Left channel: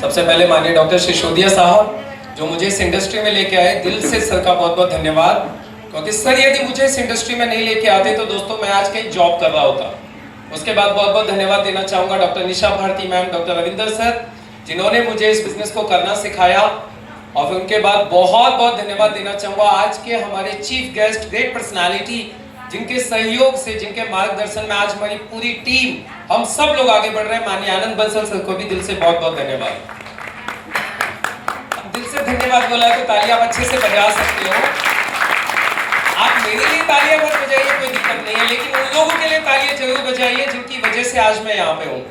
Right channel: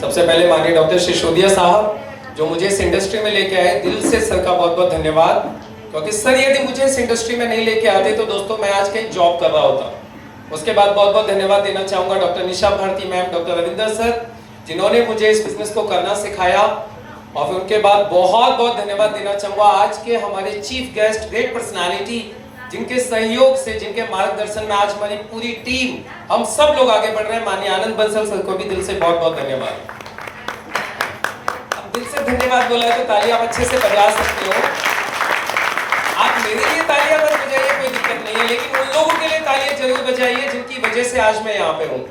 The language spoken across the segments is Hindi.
सबसे पहले माननीय डॉक्टर सिसोदिया साहब जो मुझे इस इंडस्ट्री में लेके आए, दिल से सर का बहुत बहुत धन्यवाद। क्योंकि सर यदि मुझे इस इंडस्ट्री में नहीं लेके आते तो दोस्तों मैं आज कहीं जॉब कर रहा होता। उसके बाद बहुत बहुत धन्यवाद देना चाहूंगा doctor Nisha Bharati ma'am, doctor Ravinder sir, जिन्होंने मुझे इस बिजनेस को करना सिखाया। और फिर उनके बाद बहुत बहुत धन्यवाद देना चाहूंगा आज के हमारे चीफ गेस्ट, ग्रेट पर्सनालिटी, जिनके सहयोग से, जिनके मार्गदर्शन में आज हमारी पूरी टीम, हम सब लोग आगे बढ़ रहे हैं। माननीय आनंद बंसल सर को भी दिल से बहुत बहुत धन्यवाद। दिल से धन्यवाद बोला है तो तालियां आप अच्छे से बजा सकते हो। आप मेरे लिए तालियां मत बजाइए, कोई दिक्कत नहीं है, लेकिन उन लोगों के लिए तालियां जरूर बजाइए जिनकी वजह से आज मैं यहाँ पे हूँ।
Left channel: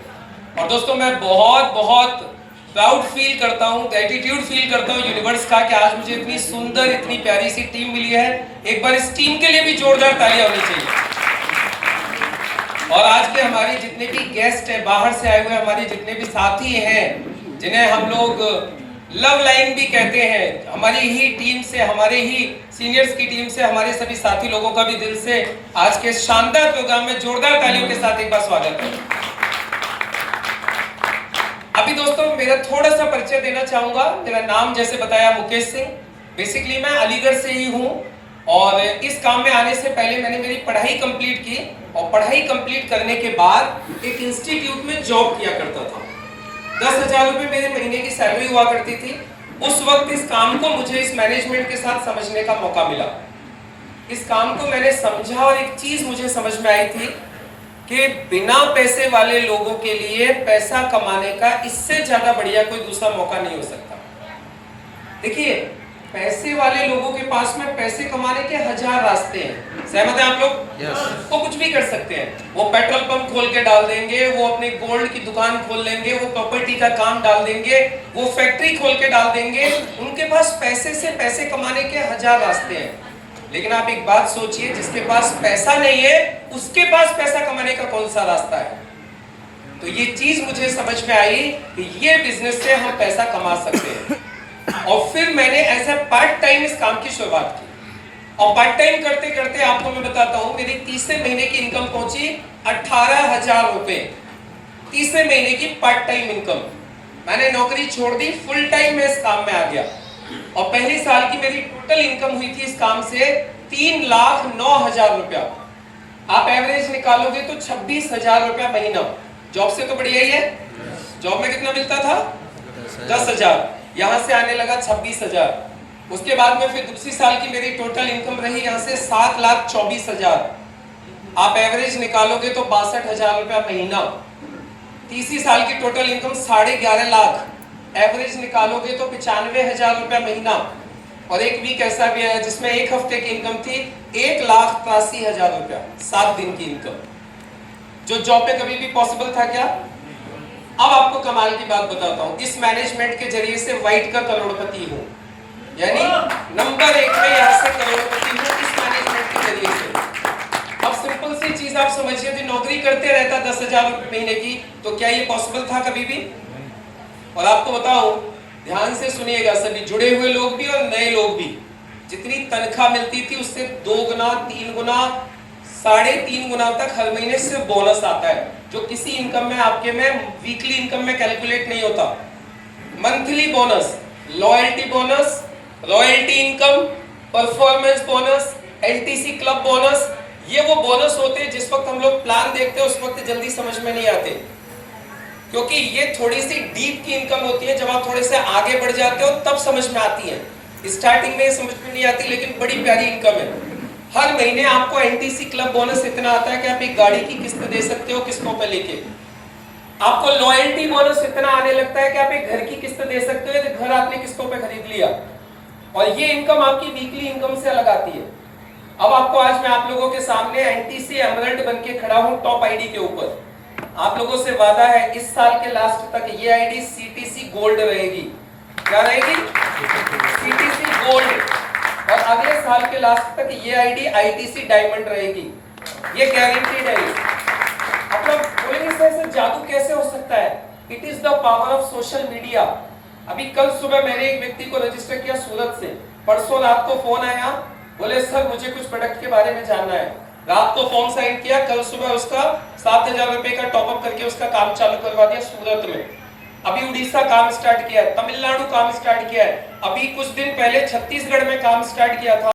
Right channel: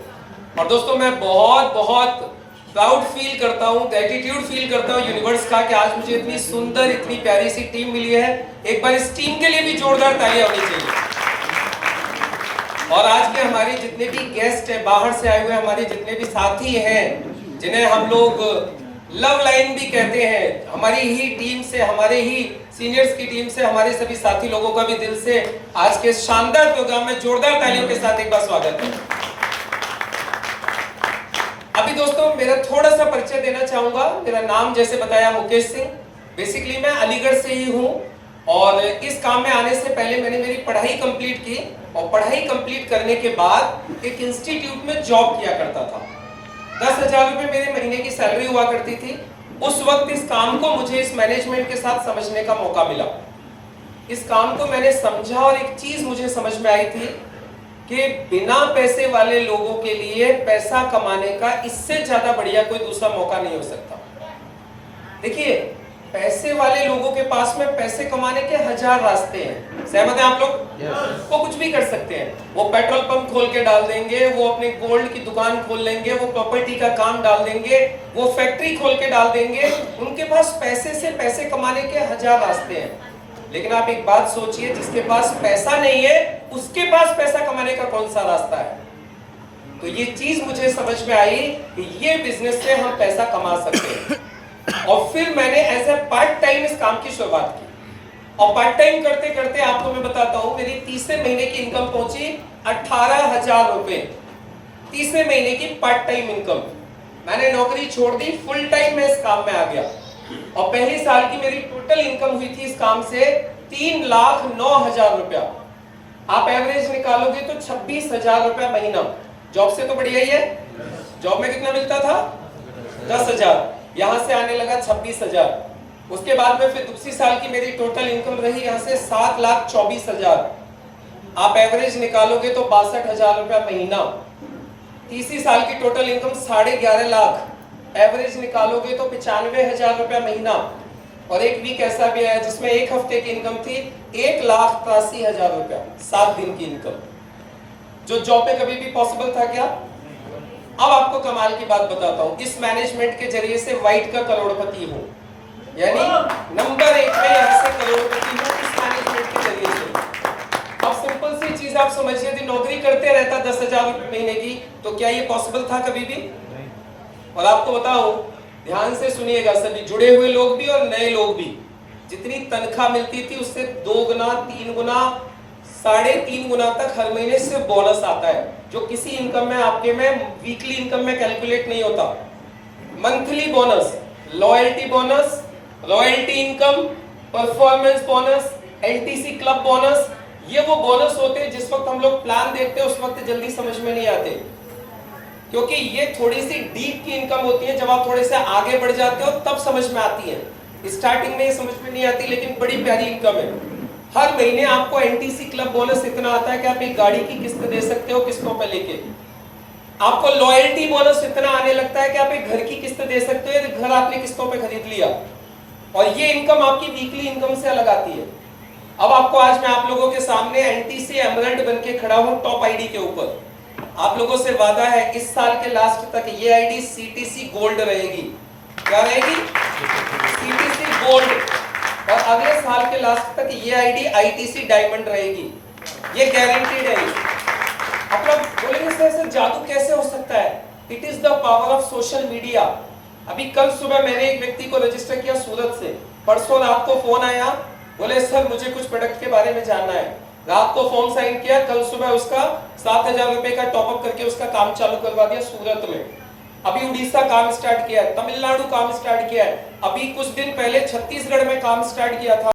और दोस्तों मैं बहुत बहुत प्राउड फील करता हूँ, ग्रेटिट्यूड फील करता हूँ यूनिवर्स का कि आज मुझे इतनी सुंदर, इतनी प्यारी सी टीम मिली है। एक बार इस टीम के लिए भी जोरदार तालियां होनी चाहिए। और आज के हमारे जितने भी गेस्ट हैं, बाहर से आए हुए हमारे जितने भी साथी हैं, जिन्हें हम लोग लव लाइन भी कहते हैं, हमारी ही टीम से, हमारे ही सीनियर्स की टीम से, हमारे सभी साथी लोगों का भी दिल से आज के शानदार प्रोग्राम में जोरदार तालियों के साथ एक बार स्वागत है। अभी दोस्तों मेरा थोड़ा सा परिचय देना चाहूंगा। मेरा नाम जैसे बताया मुकेश सिंह, बेसिकली मैं अलीगढ़ से ही हूँ। और इस काम में आने से पहले मैंने मेरी पढ़ाई कंप्लीट की और पढ़ाई कंप्लीट करने के बाद एक इंस्टीट्यूट में जॉब किया करता था। 10,000 रुपए मेरे महीने की सैलरी हुआ करती थी। उस वक्त इस काम को मुझे इस मैनेजमेंट के साथ समझने का मौका मिला। इस काम को मैंने समझा और एक चीज मुझे समझ में आई थी कि बिना पैसे वाले लोगों के लिए पैसा कमाने का इससे ज्यादा बढ़िया कोई दूसरा मौका नहीं हो सकता। देखिए, पैसे वाले लोगों के पास में पैसे कमाने के 1000 रास्ते हैं। सहमत हैं आप लोग? yes. वो कुछ भी कर सकते हैं। वो पेट्रोल पंप खोल के डाल देंगे, वो अपने गोल्ड की दुकान खोल लेंगे, वो प्रॉपर्टी का काम डाल देंगे, वो फैक्ट्री खोल के डाल देंगे। उनके पास पैसे से पैसे कमाने के 1000 रास्ते हैं। लेकिन आप एक बात सोचिए, जिसके पास पैसा नहीं है उसके पास पैसा कमाने का कौन सा रास्ता है? तो ये चीज मुझे समझ में आई कि ये बिजनेस से हम पैसा कमा सकते हैं। और फिर मैंने एज ए पार्ट टाइम इस काम की शुरुआत की। और पार्ट टाइम करते करते आपको मैं बताता हूं, मेरी तीसरे महीने की इनकम पहुंची 18,000 रुपए। तीसरे महीने की पार्ट टाइम इनकम। मैंने नौकरी छोड़ दी, फुल टाइम में इस काम में आ गया। और पहले साल की मेरी टोटल इनकम हुई थी इस काम से 3,09,000 रुपया। आप एवरेज निकालोगे तो 26,000 रुपया महीना। जॉब से तो बढ़िया ही है। जॉब में कितना मिलता था? 10,000। यहां से आने लगा 26,000। उसके बाद में फिर दूसरी साल की मेरी टोटल इनकम रही यहां से 7,24,000। आप एवरेज निकालोगे तो 62,000 रुपया महीना। तीसरी साल की टोटल इनकम 11.5 लाख। एवरेज निकालोगे तो 95,000 रुपया महीना। और एक वीक ऐसा भी है जिसमें एक हफ्ते की इनकम थी 1,83,000 रुपया, 7 दिन की इनकम, जो जॉब पे कभी भी पॉसिबल था क्या? अब आपको कमाल की बात बताता हूं। इस मैनेजमेंट के जरिए से व्हाइट का करोड़पति हूं, यानी नंबर 1 में यहां से करोड़पति हूं इस मैनेजमेंट के जरिए से। अब सिंपल सी चीज आप समझिए, यदि नौकरी करते रहता 10,000 रुपए महीने की, तो क्या ये पॉसिबल था कभी भी? और आपको बताऊं, ध्यान से सुनिएगा सभी, जुड़े हुए लोग भी और नए लोग भी, जितनी तनख्वाह मिलती थी उससे 2 गुना, 3 गुना, 3.5 गुना तक हर महीने से बोनस आता है, जो किसी इनकम में आपके में वीकली इनकम में कैलकुलेट नहीं होता। Monthly bonus, loyalty bonus, royalty income, performance bonus, LTC club bonus, ये वो बोनस होते हैं जिस वक्त हम लोग प्लान देखते हैं उस वक्त जल्दी समझ में नहीं आते, क्योंकि ये थोड़ी सी डीप की इनकम होती है। जब आप थोड़े से आगे बढ़ जाते हो तब समझ में आती है। स्टार्टिंग में समझ में नहीं आती, लेकिन बड़ी प्यारी इनकम है। हर महीने आपको एनटीसी क्लब बोनस इतना आता है कि आप एक गाड़ी की किस्त दे सकते हो किस्तों पे लेके। आपको लॉयल्टी बोनस इतना आने लगता है कि आप एक घर की किस्त दे सकते हो, घर आपने किस्तों पे खरीद लिया। और ये इनकम आपकी वीकली इनकम से अलग आती है। अब आपको आज मैं आप लोगों के सामने एनटीसी एमरल्ड बन के खड़ा हूं टॉप आईडी के ऊपर। आप लोगों से वादा है इस साल के लास्ट तक ये आईडी सीटीसी गोल्ड रहेगी। क्या रहेगी? CTC gold. और अगले साल के लास्ट तक ये आईडी आईटीसी डायमंड रहेगी। ये गारंटीड है। आप लोग बोलेंगे सर ऐसे जादू कैसे हो सकता है? It is the power of social media. अभी कल सुबह मैंने एक व्यक्ति को रजिस्टर किया सूरत से। परसों रात को फोन आया, बोले सर मुझे कुछ प्रोडक्ट के बारे में जानना है। रात को फॉर्म साइन किया, कल सुबह उसका 7,000 रुपए का टॉपअप करके उसका काम चालू करवा दिया सूरत में। अभी उड़ीसा काम स्टार्ट किया है, तमिलनाडु काम स्टार्ट किया है, अभी कुछ दिन पहले छत्तीसगढ़ में काम स्टार्ट किया था।